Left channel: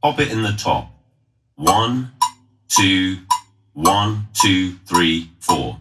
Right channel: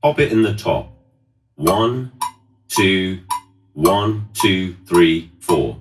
Pop it in the top. 1, 2, 1, 2, 3, 4.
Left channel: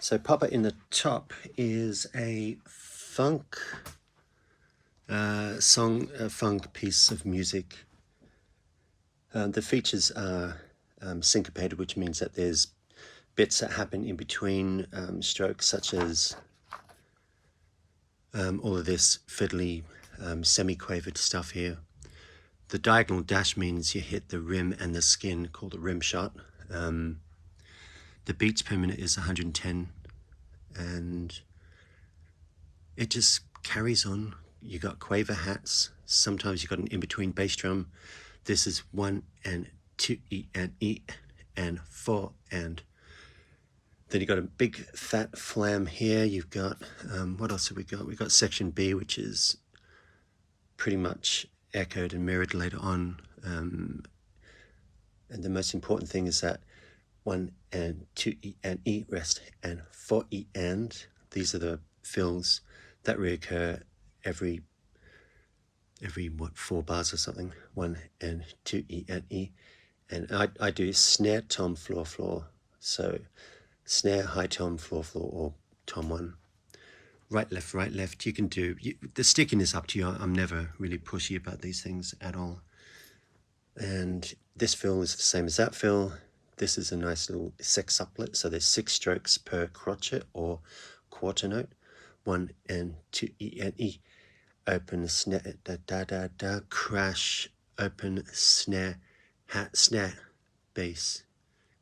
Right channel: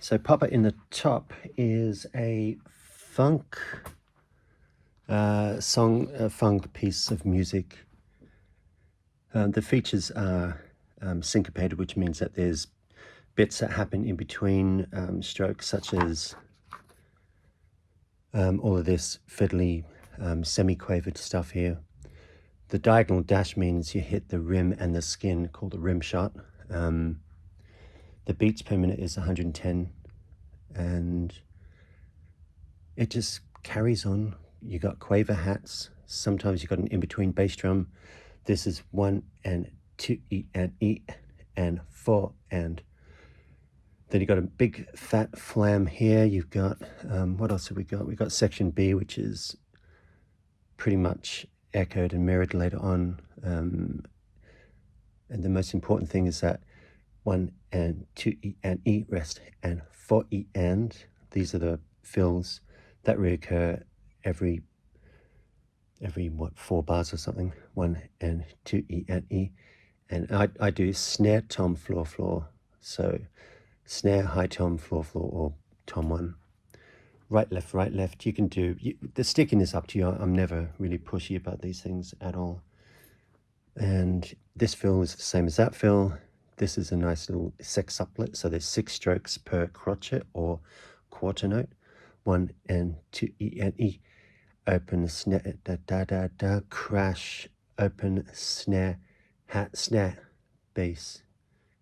So Papa in the Top is a funk song, a funk piece of music. The features are syncopated, which means that there's bits that happen in between strokes, such as all of this fiddly semi-quavered stuff here. The diagonal dash means you hit the rim and the skin, called a rim shot. The beats per minute is 110, and it just carries on. You got quaver hats. Sometimes you got an in-between bass drum. This is 1 and 2 E and 4 and. Then you got a big fat flam here. You've got what else have we got? We've got section B, which is pretty much echoed and mirrored later on. And the most important thing is that 1 and 2 E rest and 4 and. These are the fills that reoccur every what, 4 bars or something. 1 and 2 E. And I do snare, tom, floor, floor. So snare, high tom, floor, floor, or tom 1. Right, left. You can do, the sticking is up to you. I'm never really pushy about these things at all. And this fill is the same as that fill. This is a nice little sextuplet, so there's 6 strokes per crotchet or quarter note. 1 and 2 E. Open snare, da, crash, open snare, hat, snare, bass,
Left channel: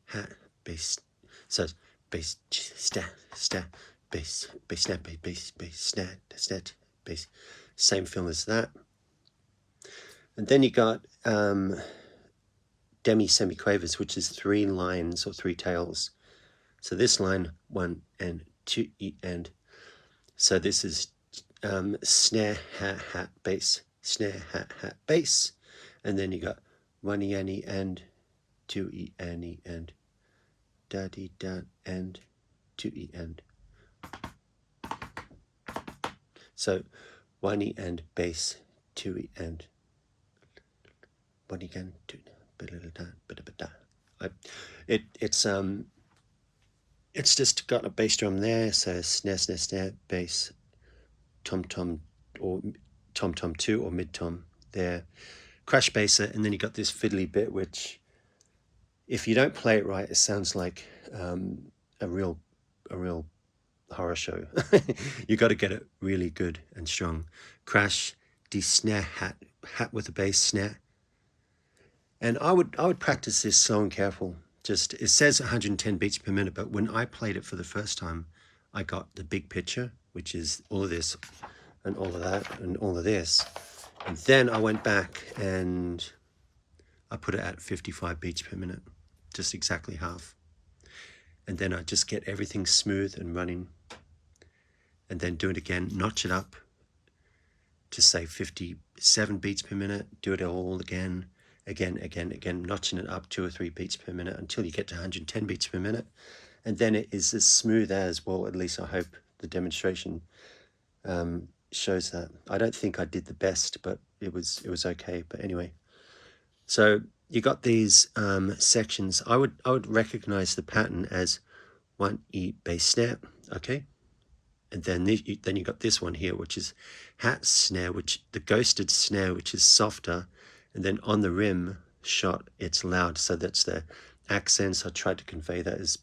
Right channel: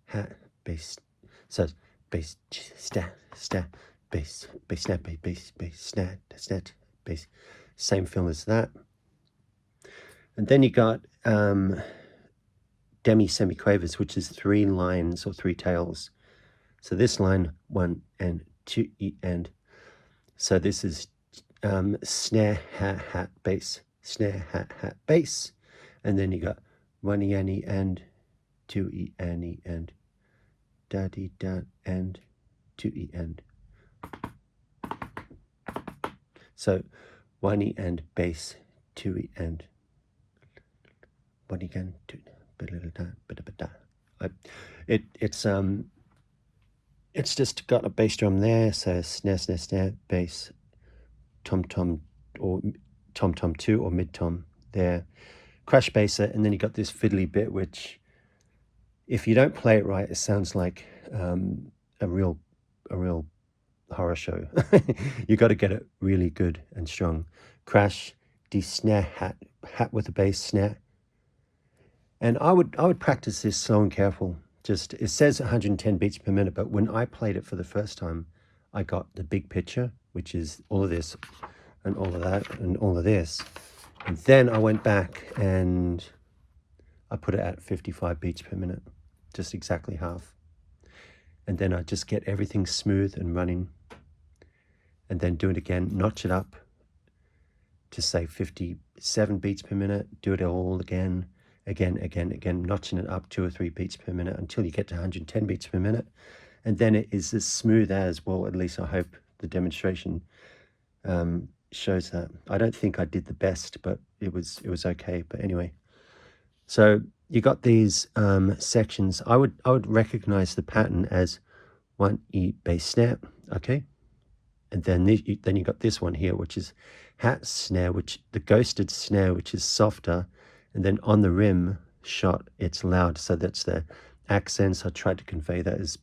hat, bass. So bass, snare, bass, snare, bass, snare, bass. Same fill as that. And then you got demi semiquavers, which is 3 lines or 3 tails. So this line, 1 and 2 E and. So this is snare, hat, hat, bass, snare, hat, hat, bass. And then you got 1 E, N, E, and 2 E, N, E, and da-dee, da, and 2 E, and. So 1 E, and bass, 2 E, and 1 E, and 2 it's just got a bass drum there, so snare, snare, snare, bass, tom tom, or tom tom 2 or mid tom there, crash basser, and then you got this fiddly bit which, if you don't play it right, it sounds like a real horror show. You got to get it really good and strong. Crash, D snare, hat with a bass snare. And I would practice this so careful. Just, it says 110 beats per minute, but when I played it for the first time, I got the big picture, which is all of this and all of that and all of this. And then I went back and I put it at 55 beats per minute, just exactly half. And then I just get everything smooth and running, and then do it again, notch it up to say 57 beats per minute, do it all again, notching it up 2 or 3 beats per minute until you get to 110 beats per minute. And then it is as smooth as, well, at least I hope the demonstration shows that. I don't think I did the best, but it was okay. But anyway, so you got these sections. I would recognize the pattern as 1 E bass snare, okay? And then you got this one here, which is hat snare, which the ghosted snare, which is softer, and then on the rim shot it's loud. So that's the accents. I tried to convey that as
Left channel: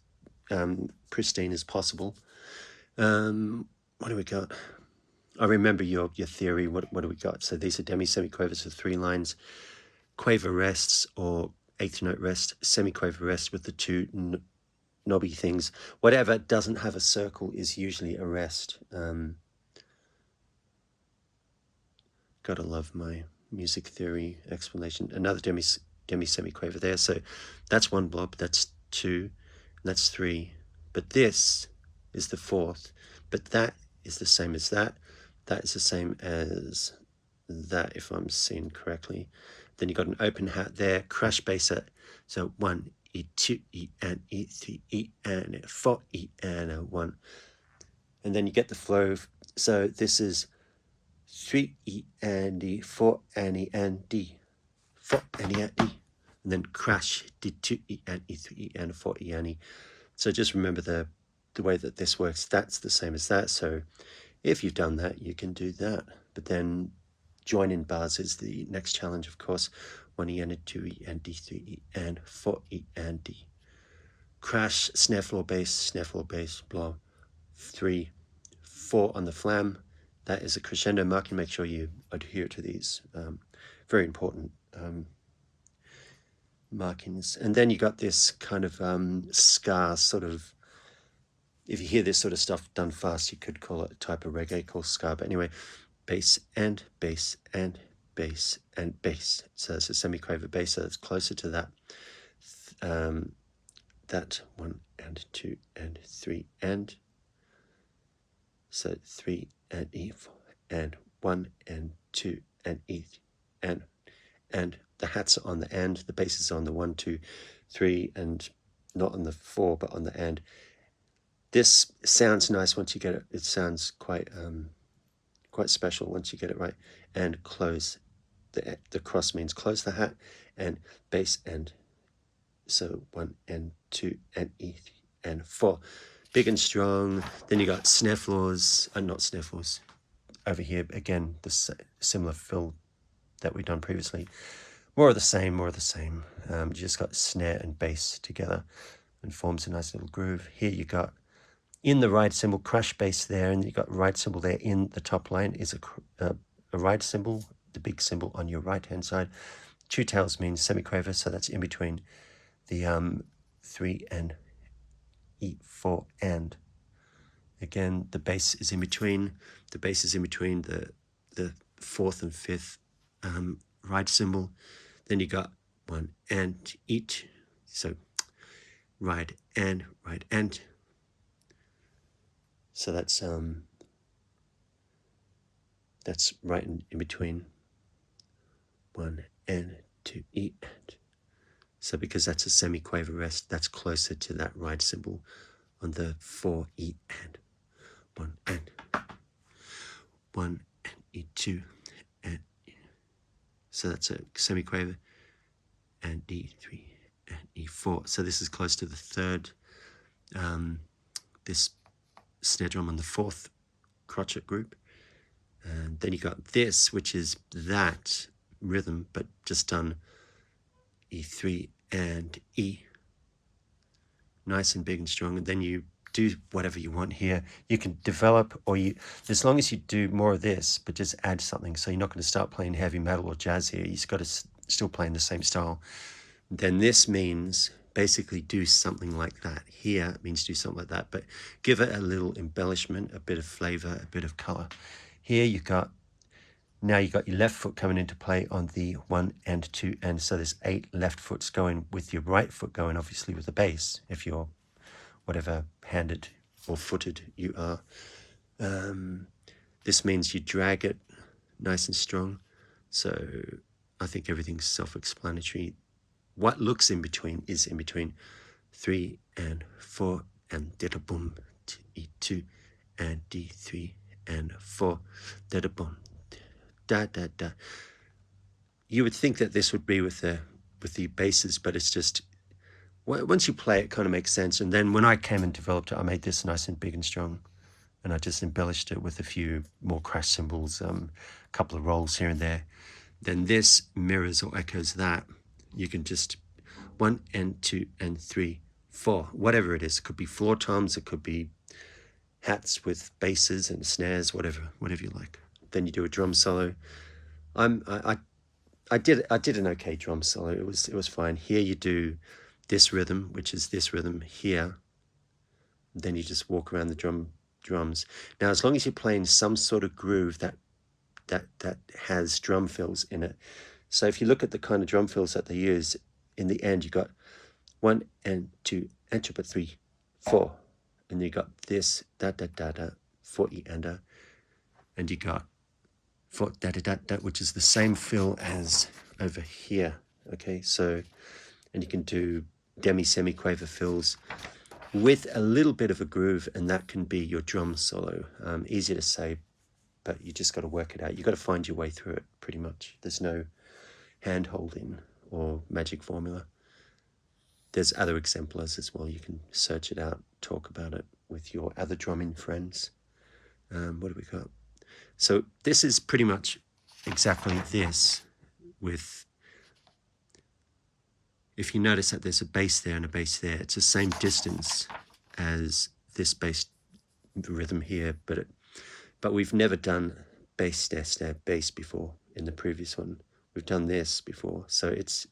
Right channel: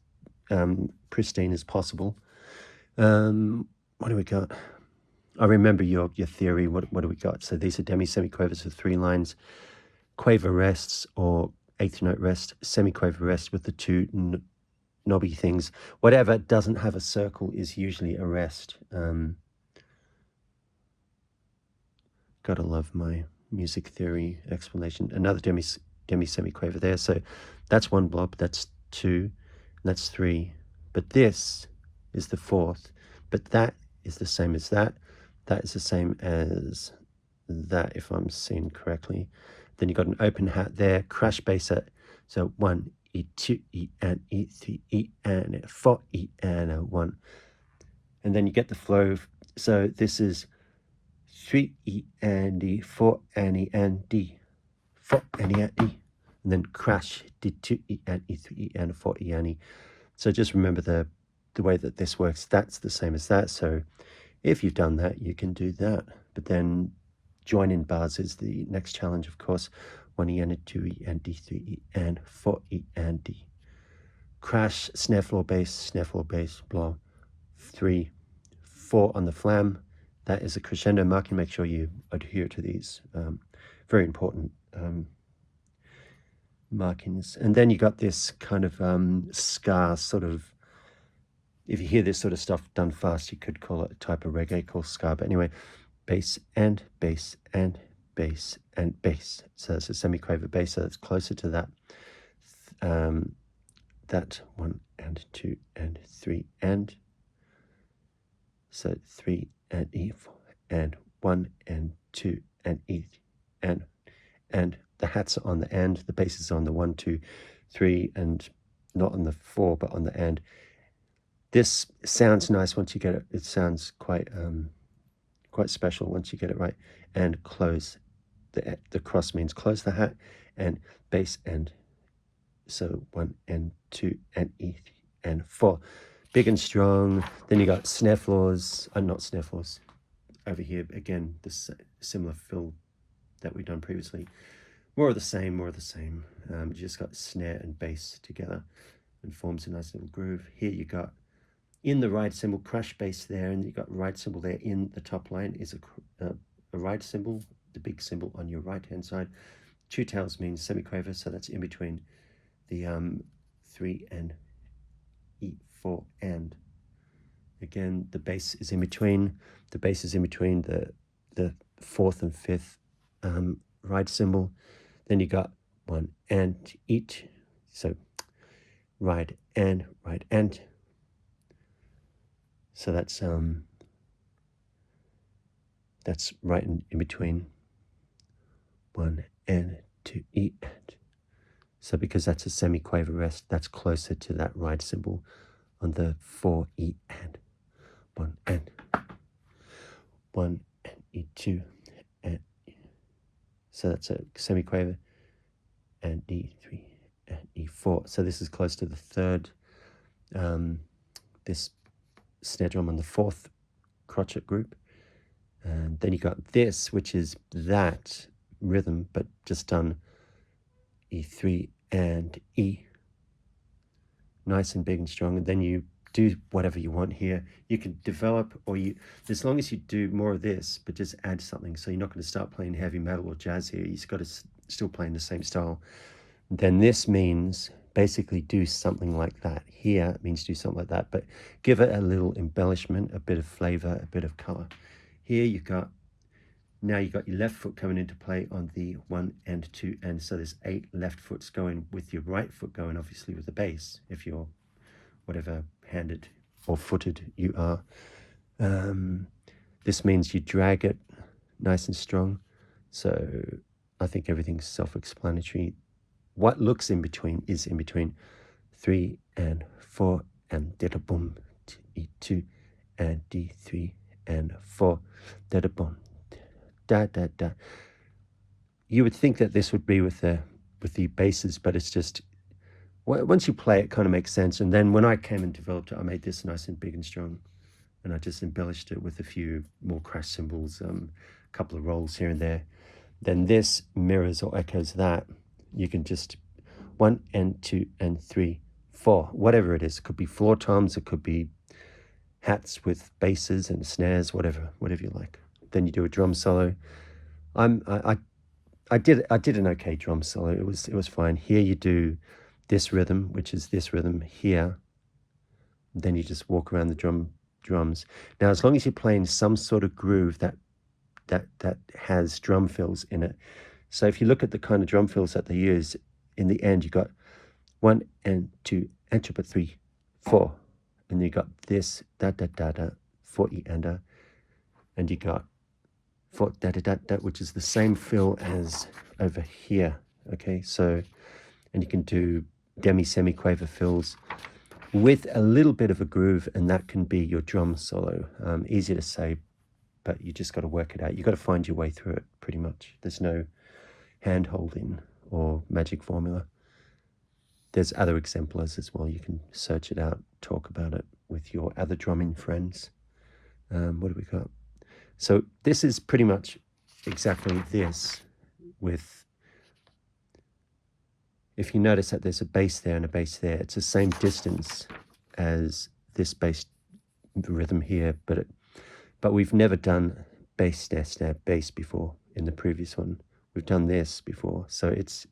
pristine as possible. What do we got? I remember your theory. What do we got? So these are demi-semiquavers with 3 lines, quaver rests or 8th note rest, semiquaver rest with the 2 knobby things. Whatever doesn't have a circle is usually a rest. Gotta love my music theory explanation. Another demi-semiquaver there. So that's 1 blob, that's 2, that's 3. But this is the 4th. But that is the same as that. That is the same as that, if I'm seeing correctly. Then you got an open hat there, crash bass at, so 1 E, 2 E, and E, 3 E, and 4 E, and 1. And then you get the flow. So this is 3 E, and D, 4 and E, and D, 4 and E, and E. And then crash, D, 2 E, and E, 3 E, and 4 E, and E. So just remember the way that this works. That's the same as that. So if you've done that, you can do that. But then join in bars is the next challenge, of course. 1 E, and 2 E, and D, 3 E, and 4 E, and D. Crash, snare floor bass, blow. 3, 4 on the flam. That is a crescendo marking. Make sure you adhere to these. Very important markings. And then you got this kind of ska sort of, if you hear this sort of stuff done fast, you could call it a type of reggae called ska. But anyway, bass and bass and bass and bass. So it's a semiquaver bass, so it's closer to that. That 1 and 2 and 3 and. So 3 and E, 4 and 1 and 2 and E, and the hats are on the end, the bass is on the 1, 2, 3, and not on the 4, but on the end. This sounds nice once you get it. It sounds quite special once you get it right. And close, the cross means close the hat, and bass end. So 1 and 2 and E and 4. Big and strong. Then you got snare floors, not snare floors. Over here, again, the similar fill that we've done previously. More of the same. You just got snare and bass together and forms a nice little groove. Here you got, in the ride cymbal, crash bass there, and you got ride cymbal there. In the top line is a ride cymbal, the big cymbal on your right-hand side. 2 tails means semiquaver, so that's in between the 3 and E, 4, and. Again, the bass is in between. The bass is in between the 4th and 5th ride cymbal. Then you got 1 and each. So ride and. So that's That's right in between 1 and 2 E and. So because that's a semiquaver rest, that's closer to that right symbol on the 4 E and 1 and 1 and E2 and so that's a semiquaver and D3 and E4. So this is close to the third. This snare drum on the fourth crotchet group, and then you got this, which is that rhythm, but just done E3 and E, nice and big and strong. And then you do whatever you want here. You can develop, or you, as long as you do more of this, but just add something. So you're not going to start playing heavy metal or jazz here. You've got to still play in the same style. Then this means basically do something like that. Here it means do something like that, but give it a little embellishment, a bit of flavor, a bit of color. Here you got, now you got your left foot coming into play on the 1 and 2, and so there's 8 left foots going with your right foot going obviously with the bass, if you're whatever handed or footed you are. This means you drag it nice and strong. So I think everything's self-explanatory. What looks in between is in between 3 and 4 and da boom, E2 and D3 and 4 da boom, da da da. You would think that this would be with the basses, but it's just once you play it, kind of makes sense. And then when I came and developed it, I made this nice and big and strong, and I just embellished it with a few more crash cymbals, a couple of rolls here and there. Then this mirrors or echoes that. You can just 1 and 2 and 3, 4, whatever it is. It could be floor toms, it could be hats with basses and snares, whatever you like. Then you do a drum solo. I did an okay drum solo. It was fine. Here you do this rhythm, which is this rhythm here. Then you just walk around the drums. Now, as long as you're playing some sort of groove that has drum fills in it. So if you look at the kind of drum fills that they use, in the end you got 1 and 2 and 3, 4, and you got this da da da da 4 E and you got 4 da da da da, which is the same fill as over here. Okay, so and you can do semi-quaver fills with a little bit of a groove, and that can be your drum solo. Easy to say, but you just got to work it out. You got to find your way through it. Pretty much, there's no hand-holding or magic formula. There's other exemplars as well. You can search it out, talk about it with your other drumming friends. What do we got? So this is pretty much exactly this with, if you notice that there's a bass there and a bass there, it's the same distance as this bass rhythm here, but we've never done bass, snare, snare, bass before in the previous one. We've done this before, so it's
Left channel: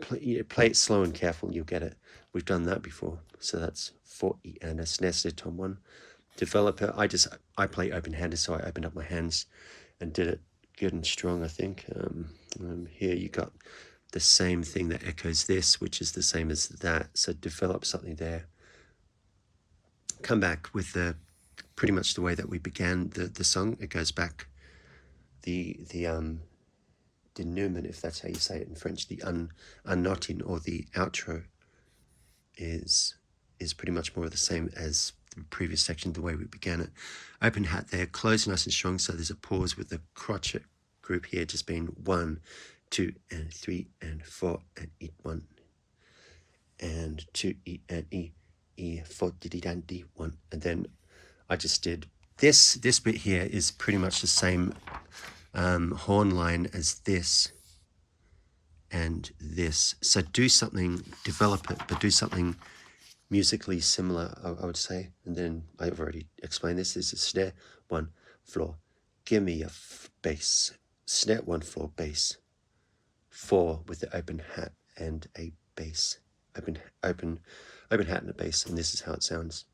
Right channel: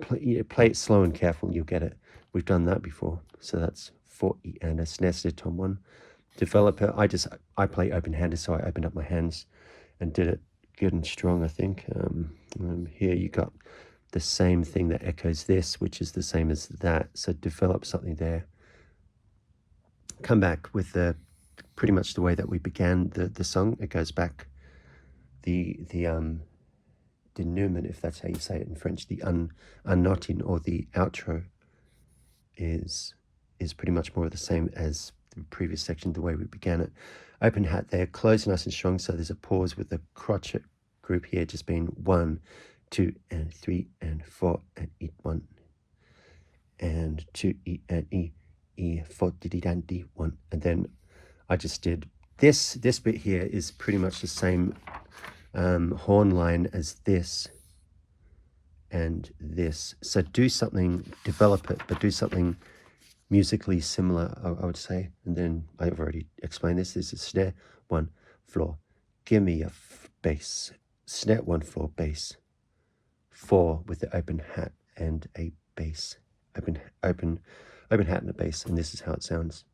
play it slow and careful, you'll get it. We've done that before, so that's 4 E and a snare, snare, tom 1. Developer, I play open-handed, so I opened up my hands and did it good and strong, I think. Here you got the same thing that echoes this, which is the same as that, so develop something there. Come back with pretty much the way that we began the song. It goes back the denouement, if that's how you say it in French, the unknotting or the outro is pretty much more of the same as the previous section, the way we began it. Open hat there, close nice and strong, so there's a pause with the crotchet group here just being 1, 2 and 3 and 4 and E 1 and 2 E and E 4 D and D 1, and then I just did this bit here is pretty much the same horn line as this and this. So do something, develop it, but do something musically similar, I would say. And then I've already explained this. This is snare 1 floor, give me a bass, snare 1 floor, bass 4 with the open hat and a bass, open hat and a bass, and this is how it sounds.